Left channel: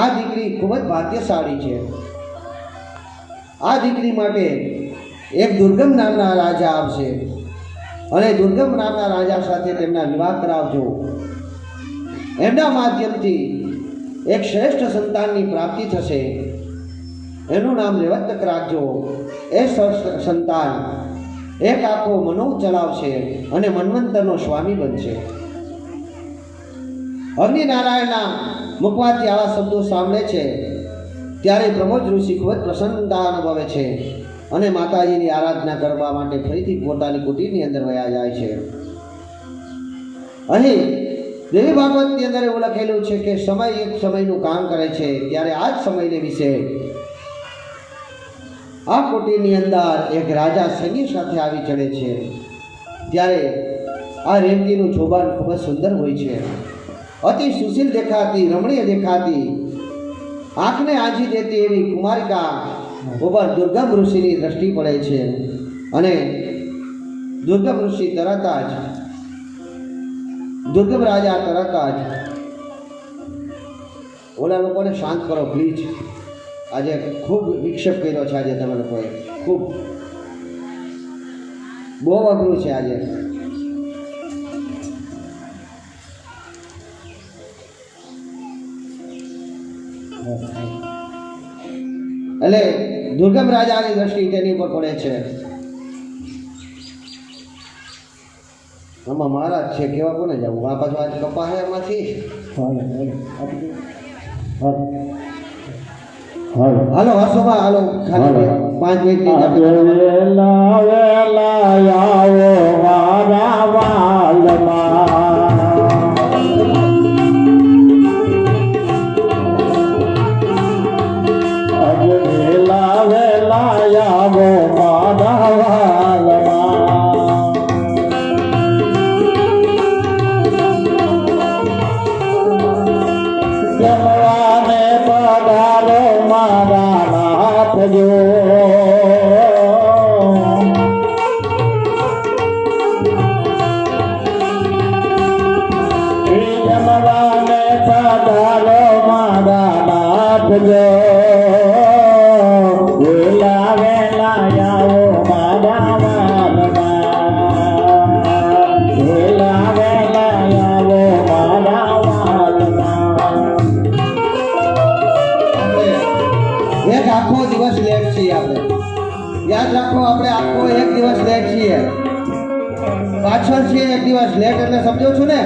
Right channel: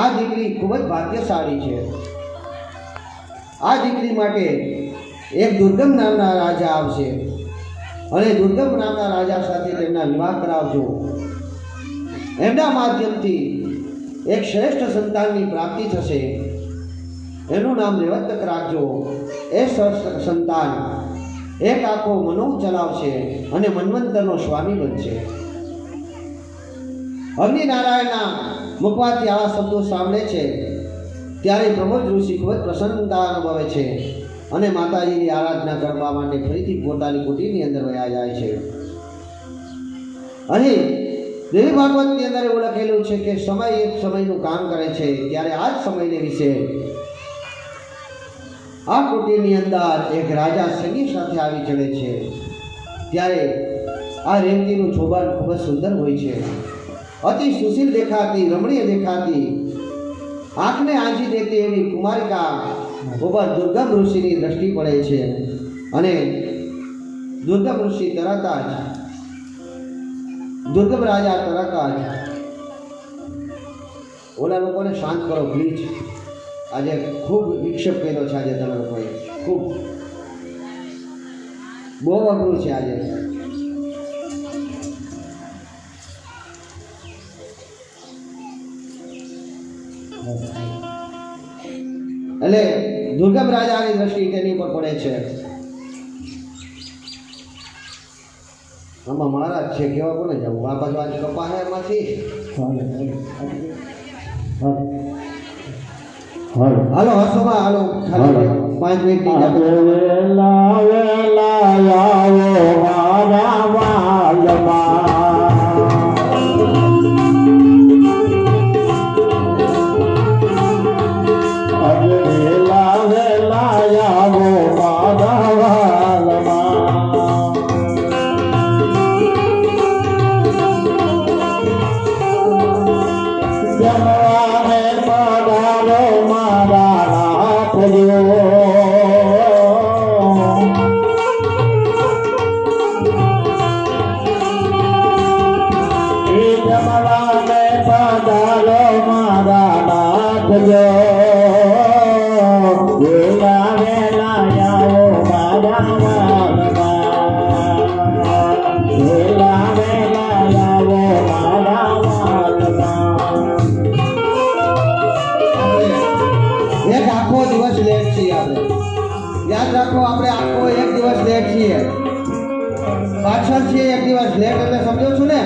આ દીકરી ખૂબ જ ભાગ્યશાળી છે. આ દીકરી માટે એક દુર્ગમ નામના રાજા આવશે અને દુર્ગમ નામના રાજા સાથે તેમના વિવાહ કરાવજો. એમના માધ્યમથી એક શ્રેષ્ઠ સંતાનની પ્રાપ્તિ થશે. એનું નામ રેવતક રાખજો. એ સંતાન એક આખો મનુ ચલાવશે અને મન્વંતરનો સ્વામી બનશે. અગ્નિનારાયણના મુખમાંથી આવા શબ્દો સાંભળે છે ત્યારે પ્રમોદ ઋષિ ખૂબ જ પ્રસન્નતા અનુભવે છે અને માતાજીની આરાધના કરવા માટે ફરીથી પોતાની કુટીરની અંદર વયા જાય છે. અહીં દેવી ભાગવતની અંદર એવું લખેલું છે કે સમય એક સમયનું કામ કરે છે. ત્યારે આ જ સમયને વિશે આ કુટીરની અંદર એક રાજા સૈનિક સાથે આવી ચડે છે. ત્યારે આ રેવતીનું જોબાન ખૂબ જ સુંદર હોય છે. અતિ સુશીલ દેખાતી, રમણીય દેખાતી, આંખને આંજી દેતી એવી કુમારિકા ઉપર દુર્ગમ ઋષિની દ્રષ્ટિ પડે છે અને દુર્ગમ ઋષિ તરત જ દુર્ગમ રાજા તરત જ ઓલા લોકોને શાંત કરો પ્લીઝ. આજે ખૂબ વિક્ષેપ કર્યો છે. આજે તમે લોકોએ ખૂબ બહુ અઘરું છે આજે. એટલે દુર્ગમ રાજાની દ્રષ્ટિ તેની ઉપર પડે છે. આમાં મહારાજ છે કેવા કોને જવું? આ પાછું આજે કપા હે એમાંથી. હાલો વાસોમાં હાલો ખાલી 5 મિનિટ વેલા વેલા આવો મારા વાલમાં પાછળ છીએ. એક દિવસ લેટ એટલે સમજો છો ને?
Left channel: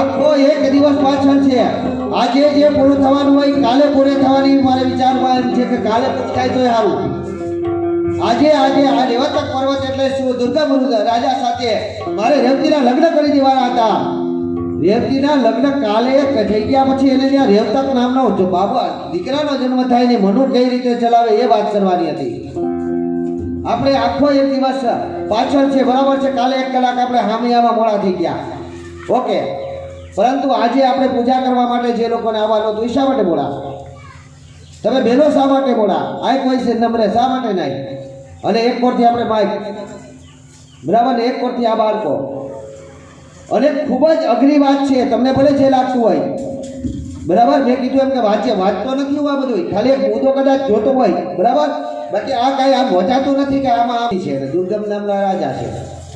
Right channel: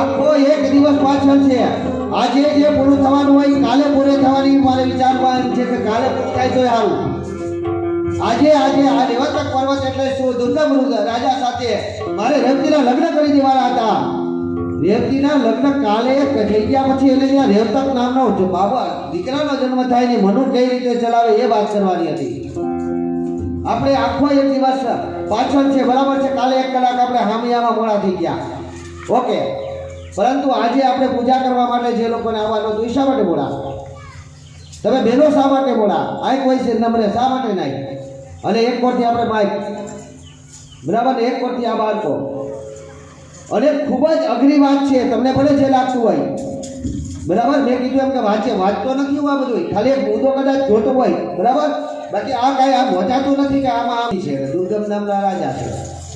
આખો એક દિવસ પાછળ છે. આજે જે પૂરું થવાનું હોય કાલે પૂરે થવાની મારે વિચારવાનું છે કે કાલે થાય તો સારું. આજે આ રેવતક પર્વત એટલે શું? દુર્ગમ રાજા સાથે મારે રેવતીના લગ્ન કરી દેવાના હતા. રેવતીના લગ્ન કાલે થઈ ગયા પછી એને ત્યાં રેવતક નામનો જો બાબા દીકરાનો જન્મ થાય ને મનુ કઈ રીતે ચલાવે એ વાત કરવાની હતી. આપણે આખો એક દિવસ પાછળ છે, બરાબર છે. કાલે 1 કલાક આપણે હામિયામાં મોડા થઈ ગયા, ઓકે. પરંતુ આજે આપણે પૂજા કરવા માટે જે લોકોને આવવાનું હતું શા માટે મોડા? તમે બેનો શા માટે મોડા? આ કોઈ છે નંબરે શા માટે નહીં? અને એક કોરથી આપણે માઇક, બરાબર ને? એક કોરથી આ બાળકો. અને ખૂબ જ અઘરી વાત છે. તમને ભલે જે લાગતું હોય, બરાબર. મેં કીધું એમ કે વાંચતો નથી હું આ બધું, ખાલી એક મુદ્દો કદાચ જોતો હોય, બરાબર. બાકી આ કાંઈ આમ વચાતું નથી કે આમાં આવી છે. દુર્ગમ નામના રાજા છે.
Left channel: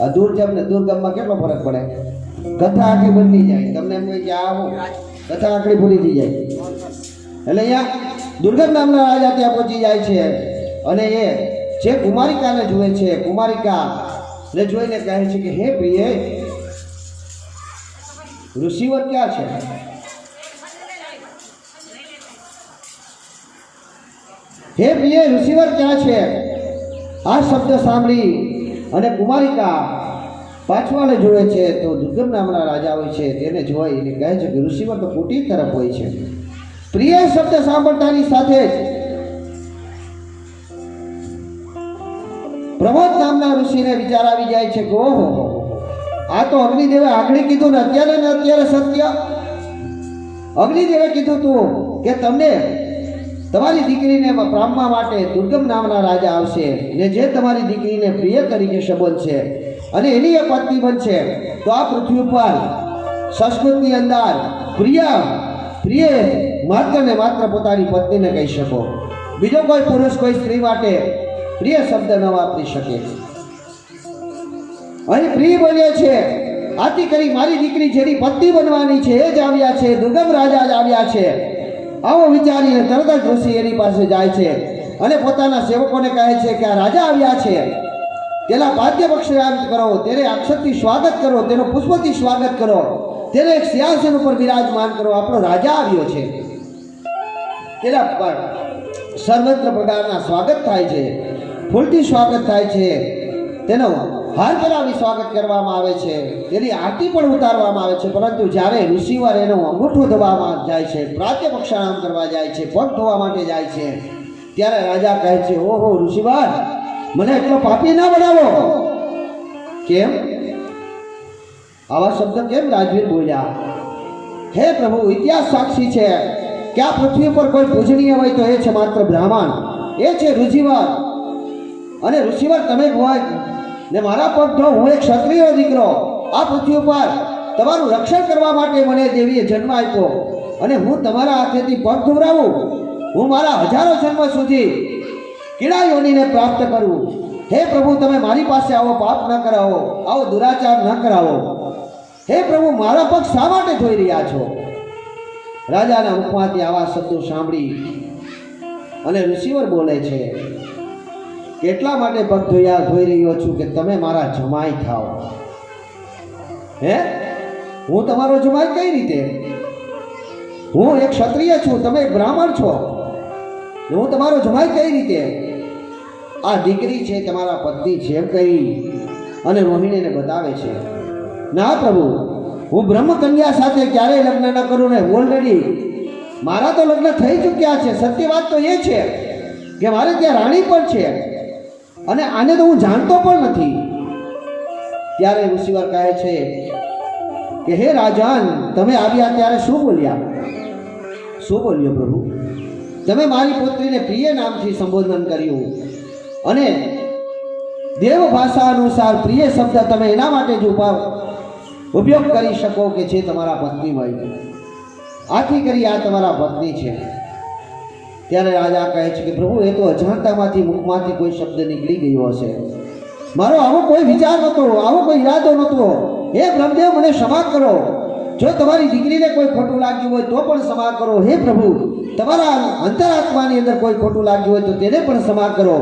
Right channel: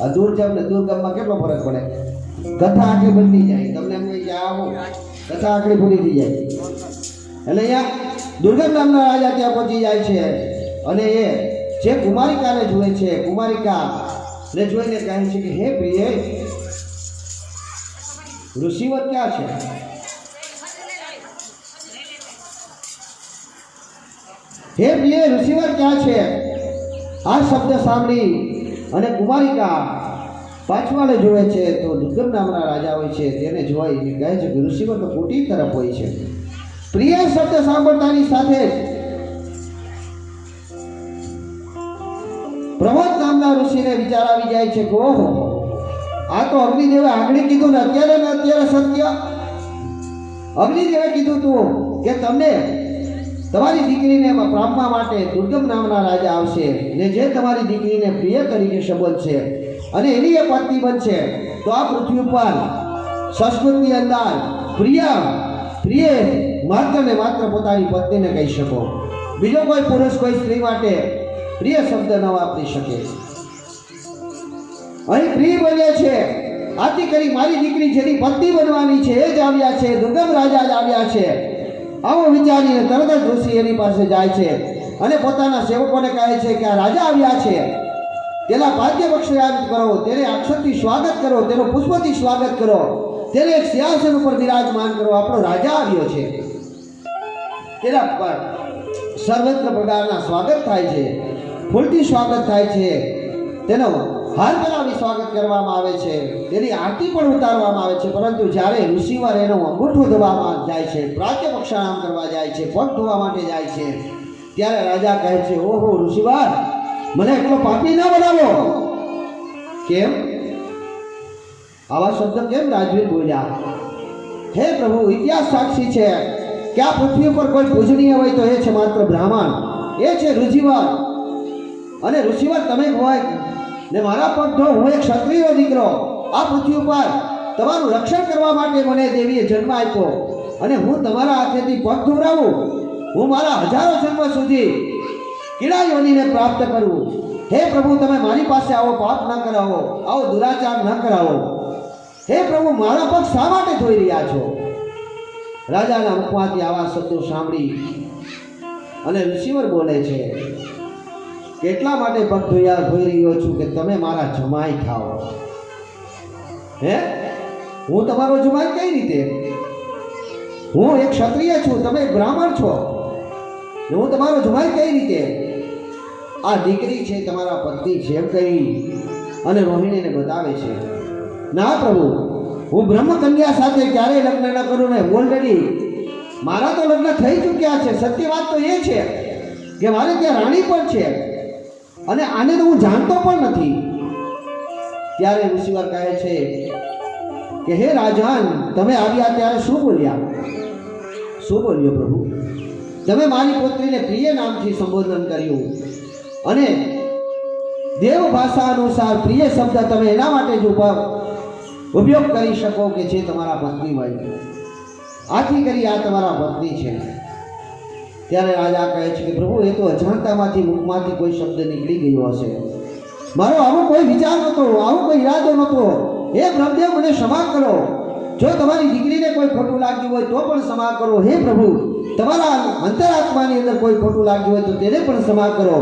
આ દુર્ગમમાં કેટલો ફરક પડે? કથા આખી બદલી જાય. તમને એમ કહે કે આવો કથા આખી ભૂલી થઈ જાય. એટલે અહીંયા દુર્ગમ નામના રાજા ત્યાં પહોંચી જાય છે અને એ જે કુમારિકાને જુએ છે, કુમારિકાને જોઈને કહે છે કે હે પ્રિય, ઋષિવર ક્યાં છે? હે પ્રિય, ઋષિવર ક્યાં છે? આ શબ્દ સાંભળી અને કુમારિકા પાછવાને જોવે છે તો દુર્ગમ નામના રાજા હોય છે તેને જોઈને કહે છે કે ઋષિવર તો કુટીર તરફ હોય છે. પ્રિય શબ્દ સાંભળતાની સાથે જ પ્રમોદ નામના ઋષિને વિચાર આવી જાય છે કે ઓહો, આ તો અગ્નિદેવે આગળ કીધું ને અત્યારે સત્ય. અગ્નિદેવે કીધું તું કે તમને તમારી દીકરીને પામવા માટે દુર્ગમ નામના રાજા આવશે ને જે તમારી દીકરીને પ્રિય તરીકે સંબોધશે અને એની એ પત્ની બનશે તો આ પૃથ્વી ઉપર સંસ્કૃતની અંદર પ્રિય પ્રિય માત્ર ને માત્ર પોતાની પત્નીને કહી શકો. બીજો કોઈ પુરુષ કોઈ સ્ત્રી માટે પ્રિય શબ્દ ન વાપરી શકે. અહીં પ્રિય બોલ્યા છે, આથી કરી મારી દીકરી જેની પત્ની બનવાની છે એ જ આવ્યા છે, દુર્ગમ રાજા જ આવ્યા છે. આવો વિચારીને તરત જ ઋષિ એની પાસે જાય છે અને પોતાના સેવકોને કહે છે કે આ રાજા આવ્યા છે, તેના પાદ્ય પક્ષાંત કરો, તેને અક્ષરથી સ્વાગત કરો, તેનું પુષ્પથી સ્વાગત કરો, તેને એક સિંહાસન ઉપર બિરાજમાન કરો. આપણો રાજા આવ્યો છે. તેના પર સર્વત્ર પ્રકારના સ્વાગત થાય છે, ફૂલથી સ્વાગત થાય છે, તેનો હાર કરાવી સ્વાગત કરવામાં આવે છે, તેની આરતી પણ ઉતારવામાં આવે છે. પરંતુ જ્યારે ઋષિવાર એનો અંગૂઠો ધોવામાં જાય છે, પ્રાત્ય પક્ષાણામ કરવા જાય છે, પગ ધોવા માટે જાય છે, ત્યારે રાજા કહે છે, ઓહો ઋષિવાર, મને એટલો પાપી ના બનાવો. કેમ? આવા શબ્દ કેમ રાજવીર બોલ્યા? હે પ્રભુ, ઇતિહાસ સાક્ષી છે કે આ પૃથ્વી પર કોઈ પૂજનીય હોય તો એ છે માત્ર બ્રાહ્મણ, એ છે ઋષિવાર. અને ઋષિવાર તમે હોય ને મારા પગ ધો, હું એક ક્ષત્રિયનો દીકરો, આ પૃથ્વી ઉપર તમારું રક્ષણ કરવા માટે મને દેવીએ જન્મ આપ્યો અને હું તમારા હાથેથી પગ ધોવરાવું, હું મારા હજારો જન્મો સુધી કીડા યોનીને પ્રાપ્ત કરું. હે પ્રભુ, તમે મારી પાસે આવો પાપ ન કરાવો, આવો દુરાચાર ન કરાવો. હે પ્રભુ, મારા પગ શા માટે ધોઈ રહ્યા છો? રાજાના મુખમાંથી આવા શબ્દો સાંભળી અને ઋષિવર બોલે છે, કેટલા માટે પગ ધોઈ રહ્યો છું કે તમે મારા જમાઈ થાઓ. હે, હું તમારો જમાઈ કઈ રીતે? હું એક ક્ષત્રિય છું, તમે એક બ્રાહ્મણ છો, હું તમારો જમાઈ કઈ રીતે? આ દીકરી છે તમારા પત્ની છે એમ કહી અને રોહિણીને બતાવે છે. ના પ્રભુ, હું બ્રહ્મકન્યા સાથે ક્યારેય લગ્ન ન કરું ને ઓલરેડી મારા તો લગ્ન થઈ ચૂક્યા છે. સત્ય વાત તો એ છે કે મારે ત્યાં રાણી પણ છે અને આને તો હું જાણતો પણ નથી. ત્યારે ઋષિવાર કહે છે કે હે રાજન, તમે આવ્યા ત્યારે શું બોલ્યા? શું બોલ્યો પ્રભુ? તમે મારી પુત્રીને પ્રિય નામથી સંબોધન કર્યું અને દેવ ભાષા અનુસાર પ્રિય શબ્દ તમે એના માટે જ ઉપયોગ કરી શકો કે જે તમારા પત્ની હોય. આથી કરી આ તમારા પત્ની છે. ત્યારે રાજા કહે છે કે પ્રભુ, એ તો અજાણતામાંથી મુખમાંથી કોઈ શબ્દ નીકળી ગયો હશે. મારો આવો કોઈ વિચાર નહોતો, આવો કોઈ ઈરાદો નહોતો. હે બ્રહ્મદેવ, મને ક્ષમા કરો. જો તમારી દીકરીને કોઈ ખોટું લાગ્યું હોય તો પણ ક્ષમા કરો. હે પ્રભુ, તમારા અંતરાત્માની અંદર કોઈ ખોટું લાગ્યું હોય તો તેને પણ ક્ષમા કરો.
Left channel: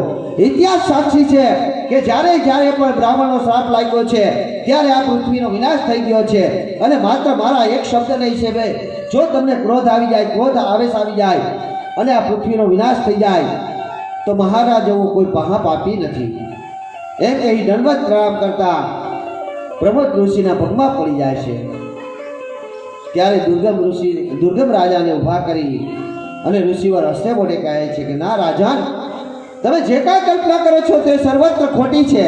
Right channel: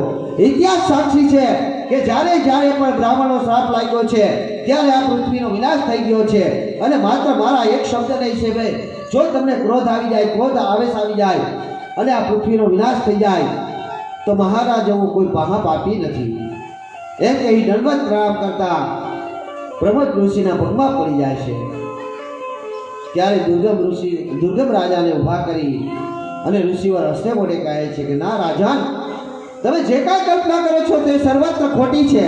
ઇતિહાસ સાક્ષી છે કે જ્યારે પણ બ્રાહ્મણનો શ્રાપ લાગ્યો છે ત્યારે આ પૃથ્વીનો વિનાશ થઈ ગયો છે. અને માત્ર મારા એક શબ્દ નહીં છે ભાઈ, જો તમને ક્રોધ આવી જાય, ક્રોધ આવેશ આવી જાય અને આ પૃથ્વીનો વિનાશ થઈ જાય તો મહારાજ જેવું કોઈ પાપી નથી. એમ કહી દંડવત પ્રણામ કરતા પ્રમોદ ઋષિના પગમાં પડી જાય છે. ત્યારે દુર્ગમ રાજાને ઊભા કરી અને ઋષિવર હસ્તે મોઢે કહે છે કે ના રાજન, તમે જે કાંઈ કલ્પના કરો છો તે સર્વત્ર ખોટી છે.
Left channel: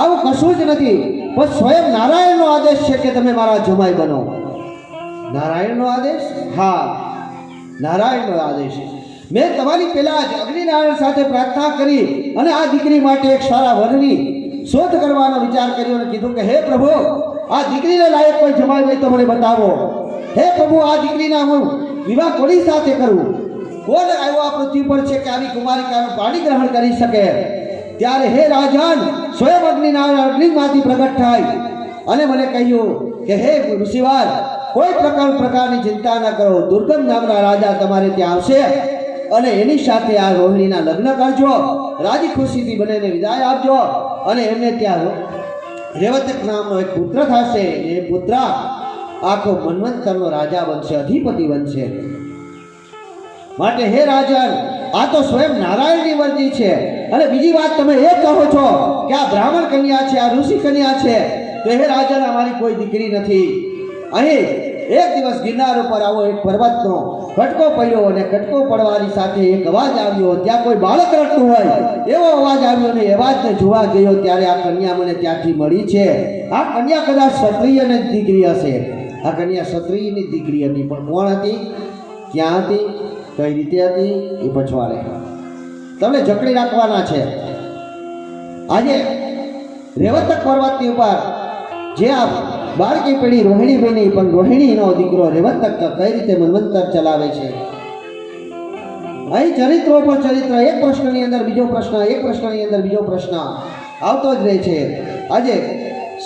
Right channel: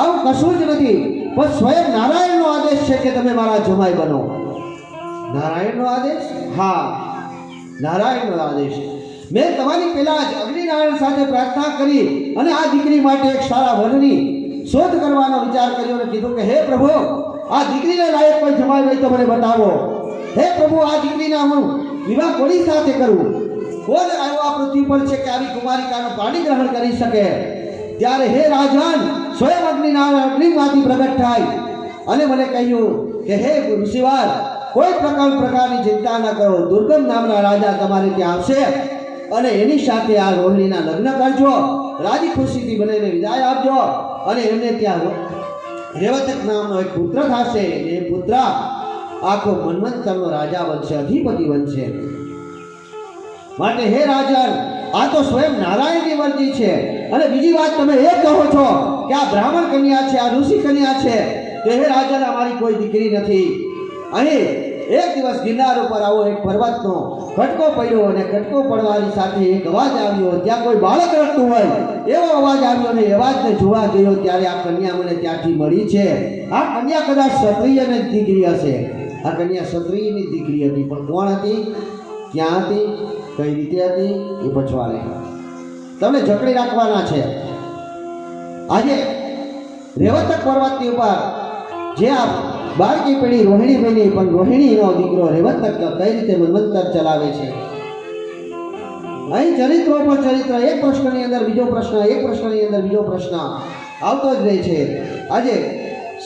આવું કશું જ નથી, પણ સ્વયં નારાયણનો આદેશ છે કે તમે મારા જમાઈ બનો. નારાયણનો આદેશ? હા, નારાયણનો આદેશ. મેં તમારી પહેલા જ અગ્નિનારાયણ સાથે પ્રાર્થના કરી અને આ દીકરી માટે એક સારા વરની શોધ કરવાનો વિચાર કર્યો અને કીધું કે હે પ્રભુ, આ દીકરીને લાયક કોઈ જમાઈ હોય તો મને બતાવો. હે પ્રભુ, આ દીકરીના હું વિવાહ કોની સાથે કરું? કોણ આવ્યો આ પૃથ્વી પર છે કે આવી કુમારિકાનું પાણી ગ્રહણ કરી શકે? ત્યારે હે રાજન, સ્વયં અગ્નિનારાયણ અગ્નિમાંથી પ્રગટ થાય અને મને કહ્યું કે હે ઋષિવાર, કોઈ પ્રકારની ચિંતા ન કરો. દુર્ગમ નામના રાજા તમારે ત્યાં આવશે અને એની સાથે આ રોહિણીના લગ્ન કરજો, રાજી ખુશીથી બંનેને વિદાય આપજો અને એમને ત્યાં રેવતક નામનો એક પુત્ર થશે. એ પુત્ર આખો મન્વંતરનો રાજા બનશે, અધિપતિ બનશે. માટે હે રાજન, આ તો સ્વયં નારાયણની વર્તી છે. અને બીજી વાત તમે એ કહો છો કે આ બ્રાહ્મણ કન્યા છે, આ ઋષિ કન્યા છે, તો હે રાજન, અમારી કોઈ દીકરી નથી. અહીં એક દિવસ ગિરનાર ઉપર આવો એક પર્વતનો કટકો પડ્યો અને કટકો પડવાની સાથે એક અવાજ આવ્યો. ત્યાં કોઈ બાળક રડતું હોય એવો અવાજ આવ્યો અને અવાજને જોવા ગયો ત્યારે આ કન્યા મને ત્યાંથી મળી છે. આ કન્યા કદાચ ક્ષત્રિયની દીકરી હશે. આ કન્યા ક્ષત્રિયની દીકરી હતી, પણ કોણ હતી, ક્યાં હતી, કઈ રીતે હતી એ પછવાડે તમને જકડી રાખવાના છે. આજે રેવતક પર્વતની ઉપર જે આ બાળકી પેઢી રોહિણી બની પણ રોહિણીનો દીકરો રેવત કઈ રીતે મન્વંતર ચલાવે છે. અહીં ચરિત્રો પર ચરિત્ર, એક પ્રશ્નની અંદર બીજો પ્રશ્ન, એક પ્રશ્નની અંદર બીજો પ્રશ્ન આવતો જ રહે છે. આજે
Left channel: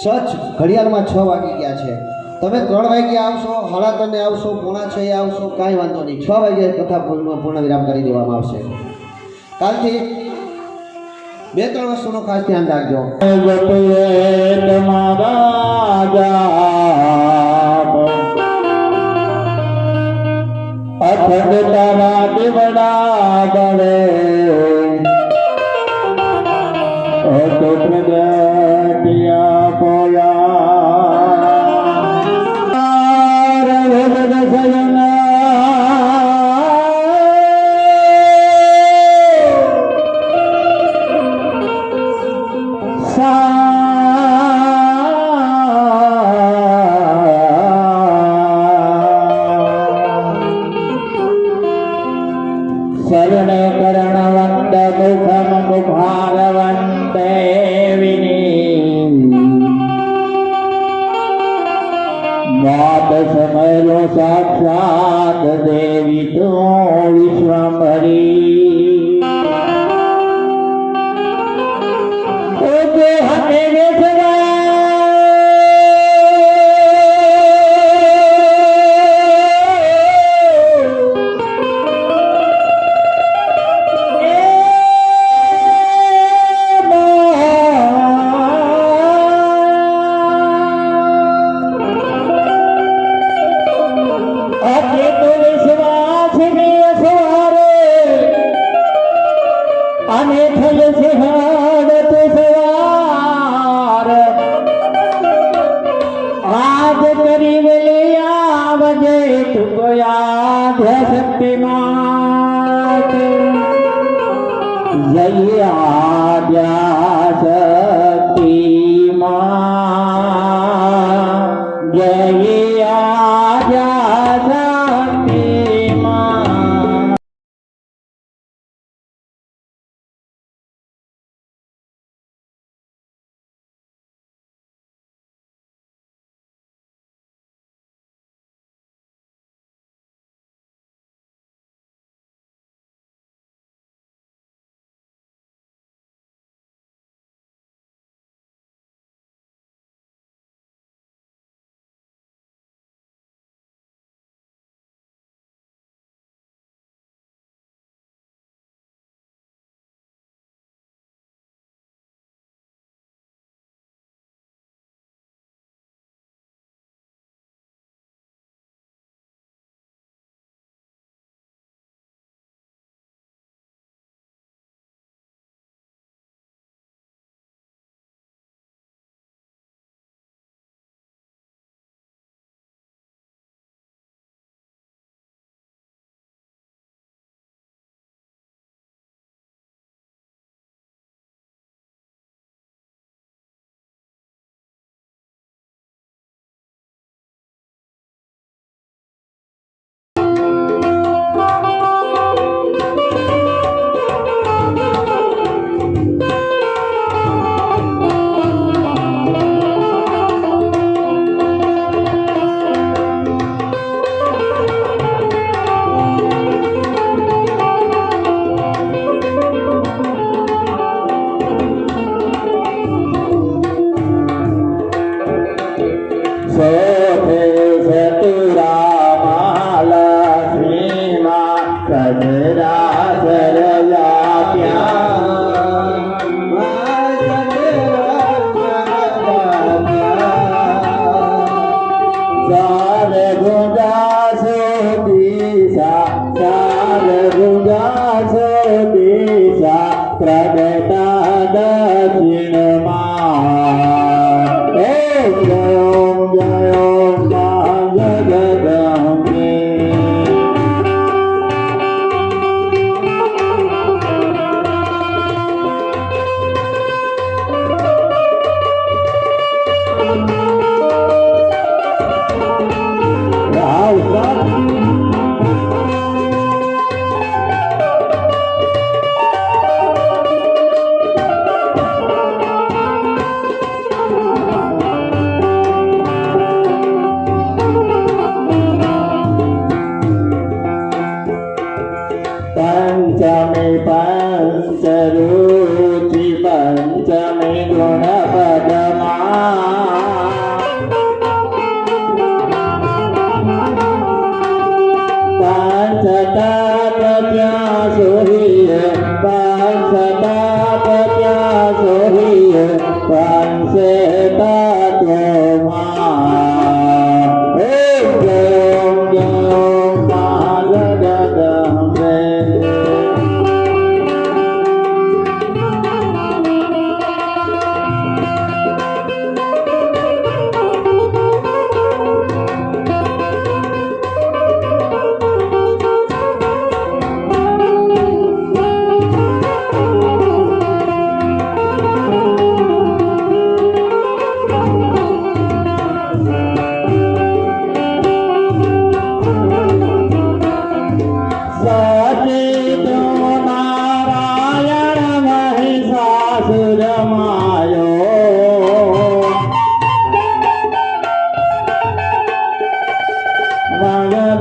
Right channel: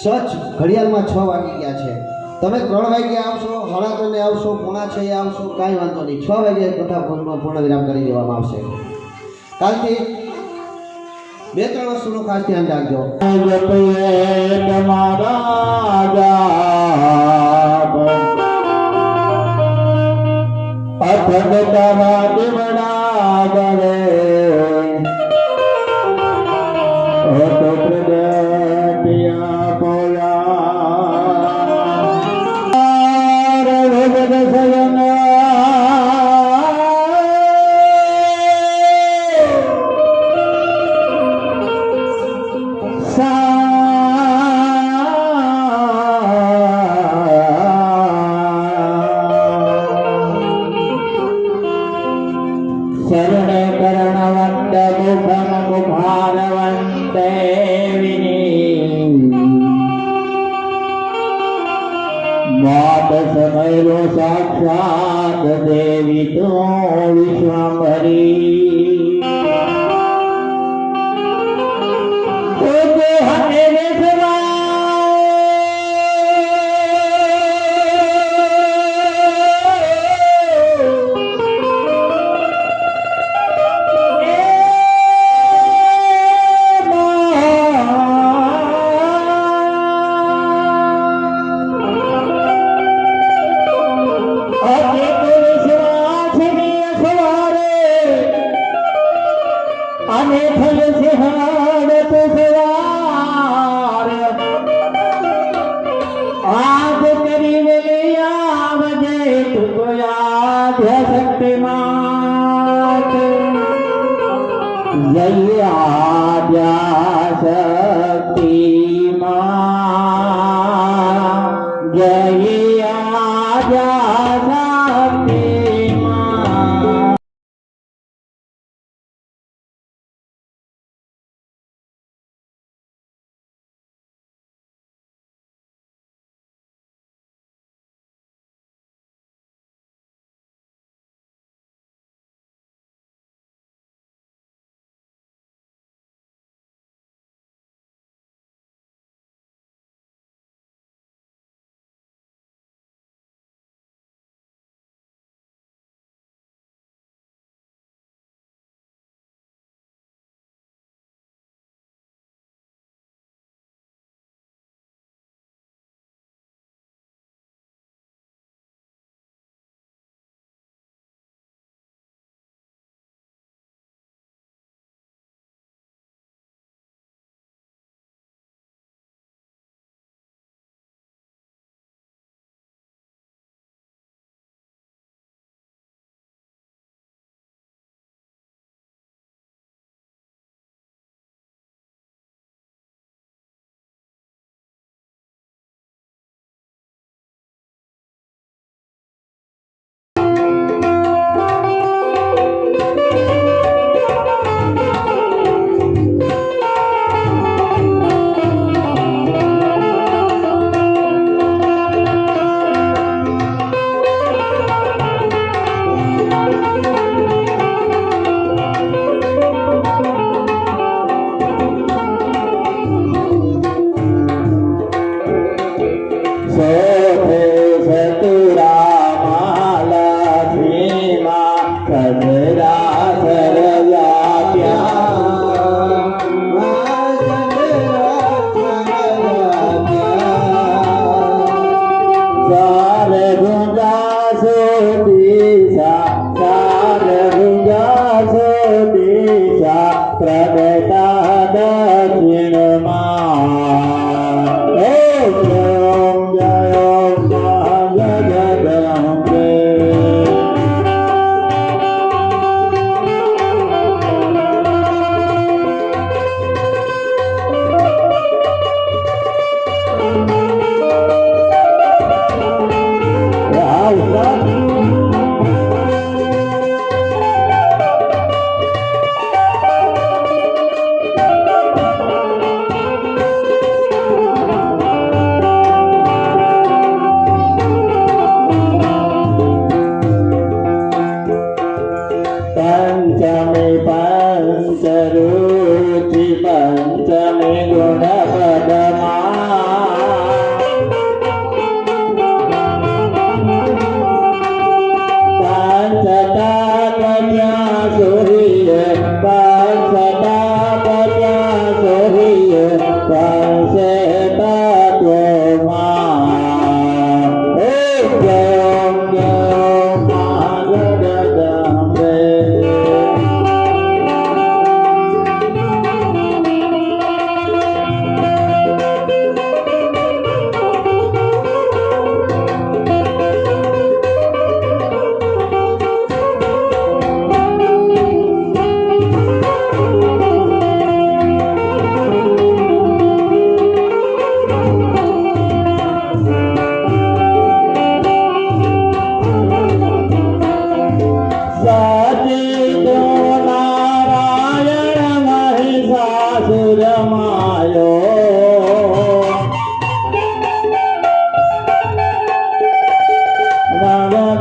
સચ ઘડિયાળમાં 6 વાગી ગયા છે. તમે 3 વાગે આવશો, 3:30 આવશો, 5:45 આવશો, કાંઈ વાંધો નહીં. 6 વાગે કથા પૂર્ણ વિરામ કરી દેવામાં આવશે. કાલથી 2-3 વસ્તુનું ખાસ ધ્યાન રાખજો. શરણે કર્ણવંત મુખમ મુખારવંતે વિની માત સમય સાક્ષાત દેવી તો વિશ્વંભરી शक्तिमान जय आद्या शक्तिमान जय आद्या शक्तिमान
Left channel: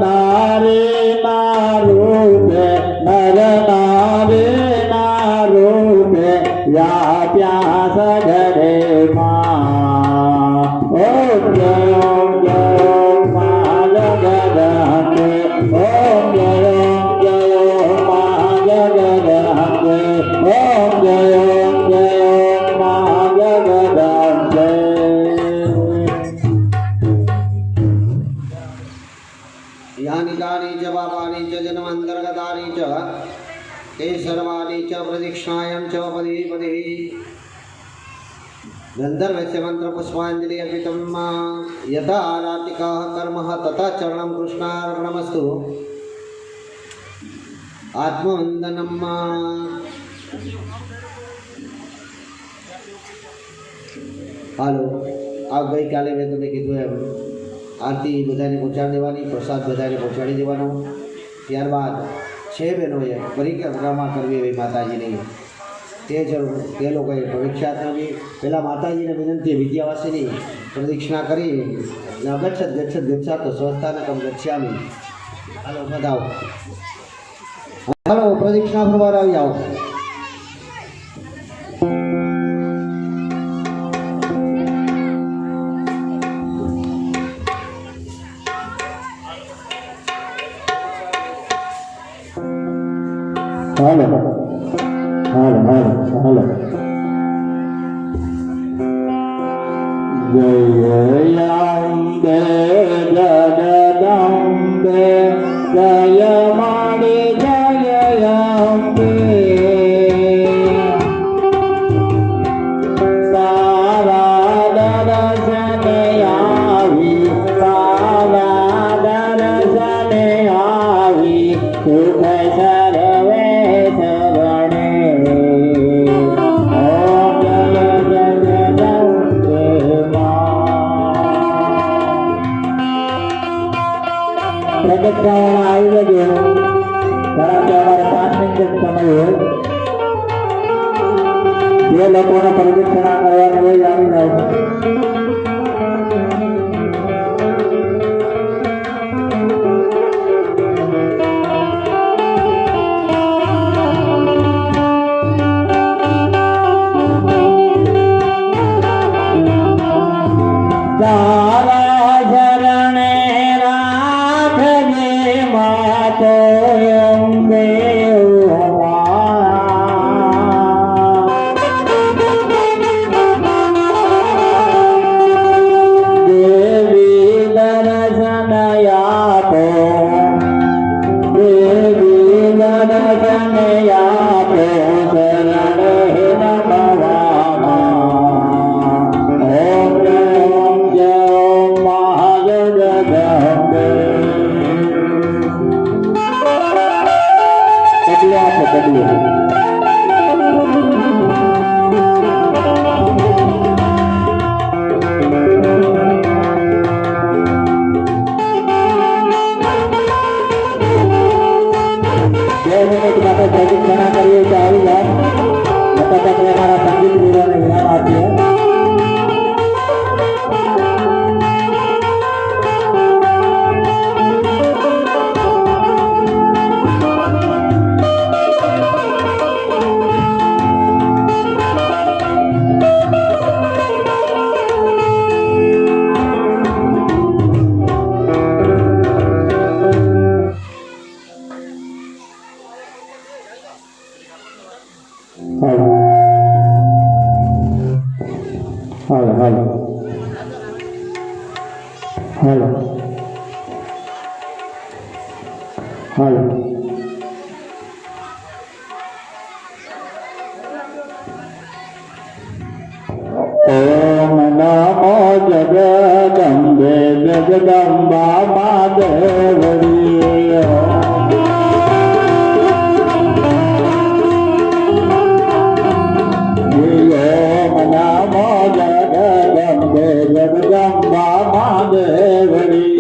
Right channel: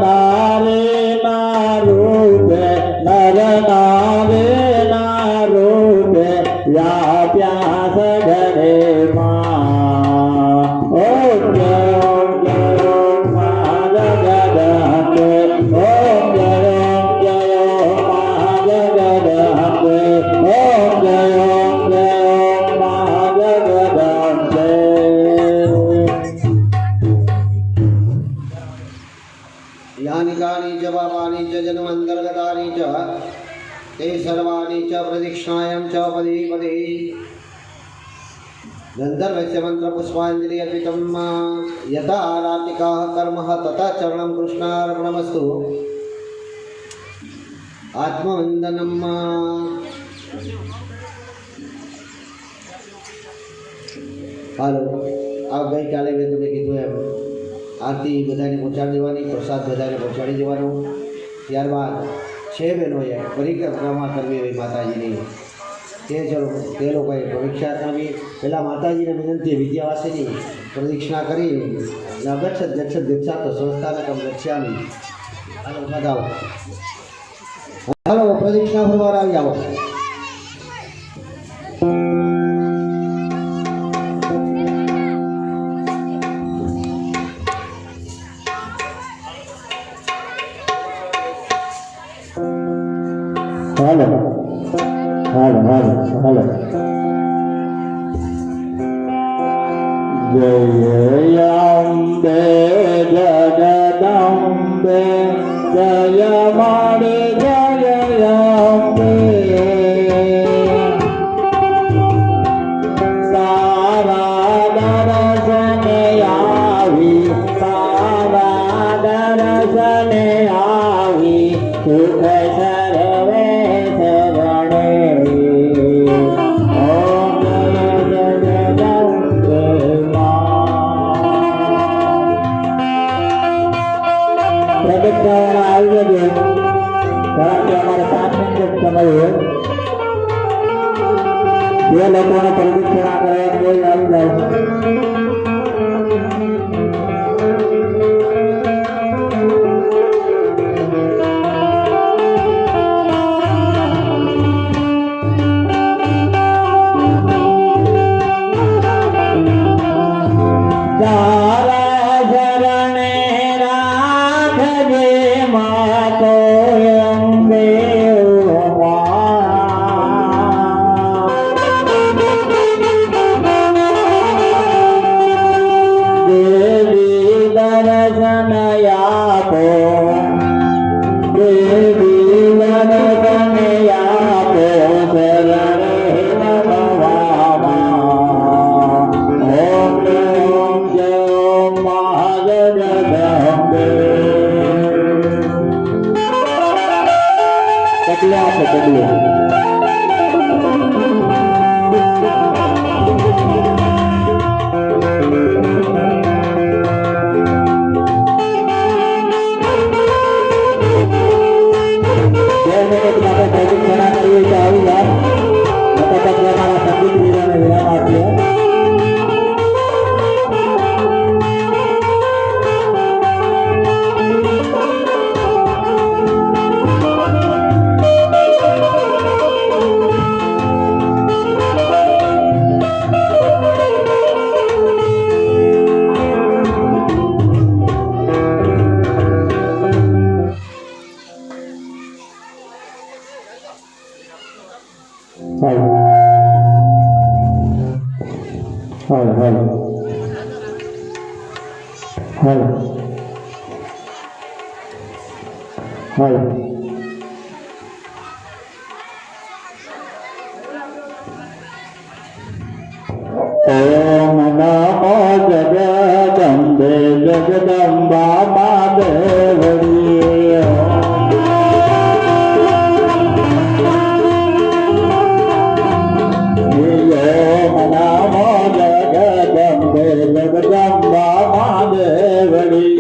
નારીના રૂપે નર નારીના રૂપે વ્યાપ્યા સગરે માં ઓમ જય માં જગદંબે ઓમ જય માં જગદંબે ઓમ જય માં જગદંબે यानि कानि च पापानि च जन्मान्तर्गतानि च ते सर्वाणि च प्रदक्षिणायां च पदे पदे गन्धर्वस्य मन्त्रपुष्पाञ्जलि अर्पितं यथा आराटिकः कर्मः तथा चरणं कृष्णार्पणमस्तु आत्मवन्दनं હાલો આ ગઈકાલે મેં તમને કીધું એમ આરતી બધાને પહોંચાડી દેવાની, પ્રસાદ બધાને પહોંચાડી દેવાનો. ત્યારબાદ છે બહેનોએ પરિક્રમા કરવી હોય માતાજીની, તે લોકોએ પરીક્ષામાં બી પહેલાં માતાજીને વિનંતી વિદ્યાવાસીની પ્રદક્ષિણા કરી ગચ્છત ગચ્છત ગચ્છા તો સ્વસ્થાનકમ ગચ્છામી. હાલો બધાઓ હાલો પ્રદક્ષિણા ફરવા આવી આવો. હાલો હાલો હાલો હાલો જય અંબે જગદંબે જય માડી જય અંબે તારા દર્શને આવી તારા દર્શને આવી સુખ જે લોકોને પ્રદક્ષિણા કરવાની હોય આવી જાય. તારા શરણે રાખજે માતો અંબે ઓમ નમો જગદંબે જગદંબા માદેવરી ઓમ નમો જગદંબે જગદંબા માદેવરી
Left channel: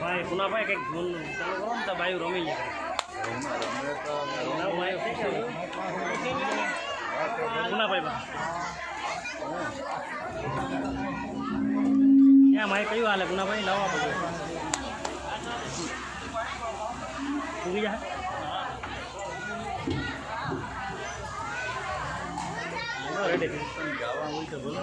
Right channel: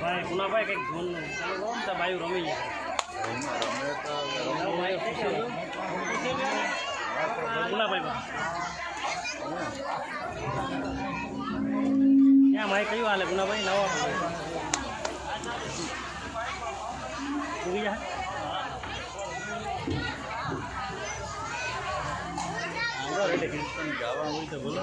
ભાઈ ગુનાભાઈ કંઈક ધૂન ચાલુ કરો ને તો બાયું રમી જાય. ગુનાભાઈ ક્યાં મારે કયું હાલે ગુનાભાઈ લાવવા પડે ઉગી જા. જવા હોય તો બોલો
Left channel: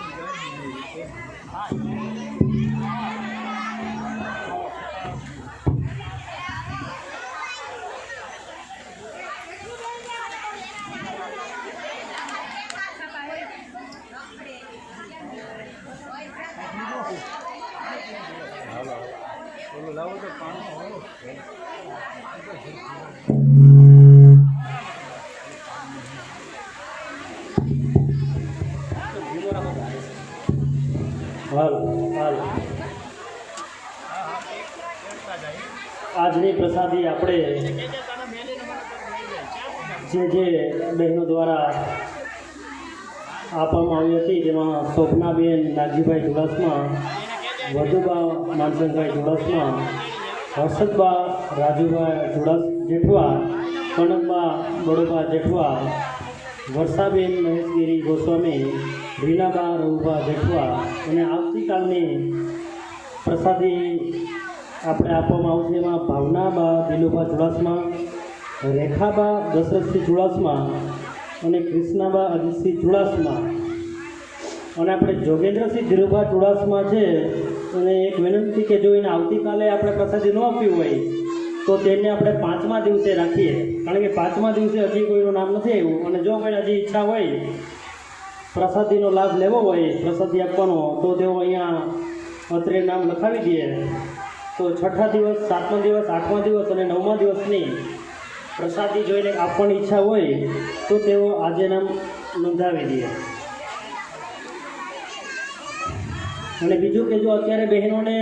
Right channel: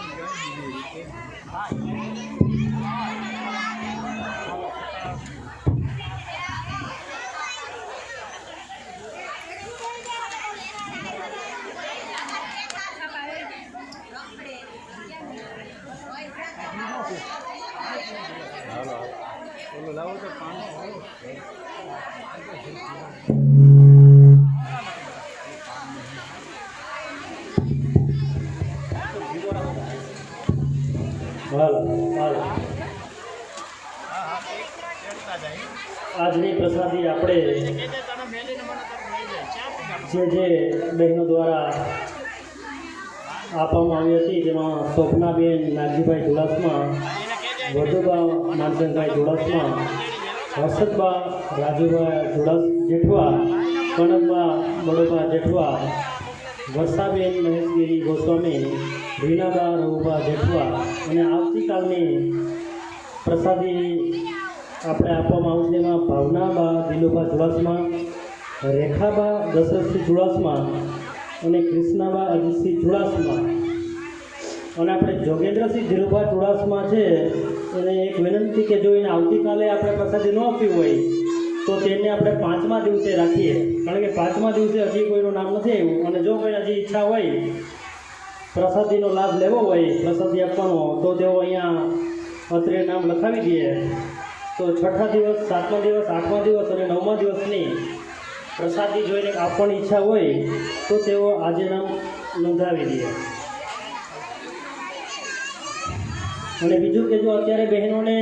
લાવો તો પાણી આજની પ્રસાદી આપણે જે બહેનો દ્વારા આપવામાં આવી હતી જેમાં સ્વપ્નાબેન નાગજીભાઈ ચુડાસમા, વધુબા માનસંગભાઈ ચુડાસમા, હર્ષદબા રાજુભાઈ જેઠવા, કનકબા બડોબા જેઠવા, વર્ષાબેન મહેશગીરી ગોસ્વામી, રીનાબા રઘુબા જેઠવા અને આવતીકાલની પ્રસાદી આપણે આપવામાં આવશે એમાં ભાવનાબા દિલુબા ચુડાસમા, રેખાબા દશરથસિંહ ચુડાસમા અને કૃષ્ણાબા અજીતસિંહ ચુડાસમા અને આપણે જોગેન્દ્રસિંહ ધીરુભા ચુડાસમા છે એને એક વિનંતી કે જો એને આવતીકાલે આપણે પ્રસાદી ન આપવી હોય તો તેને આપણે 5મા દિવસે રાખીએ, કારણ કે 5મા દિવસે હજી કોઈનું નામ નથી આવ્યું અને જો કોઈને હજી ઈચ્છા હોય પ્રસાદીનો લાભ લેવો હોય, પ્રસાદી આપવાનો, તો તેઓ અહીંયા અત્રે નામ લખાવી દઈએ તો 6ઠા દિવસ, 7મા દિવસ, 8મા દિવસ અને 9મા દિવસની પ્રસાદી જોઈને આપવાની ઈચ્છા હોય તો તેઓ આજે નામ નોંધાવી દે. અને બીજું કે જો અત્યારે બહેનોને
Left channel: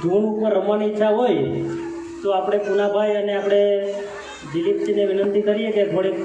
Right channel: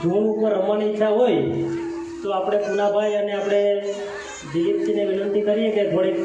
ઝૂણ ઉપર રમવાની ઈચ્છા હોય તો આપણે પુનાભાઈ અને આપણે દિલીપજીને વિનંતી કરીએ કે થોડીક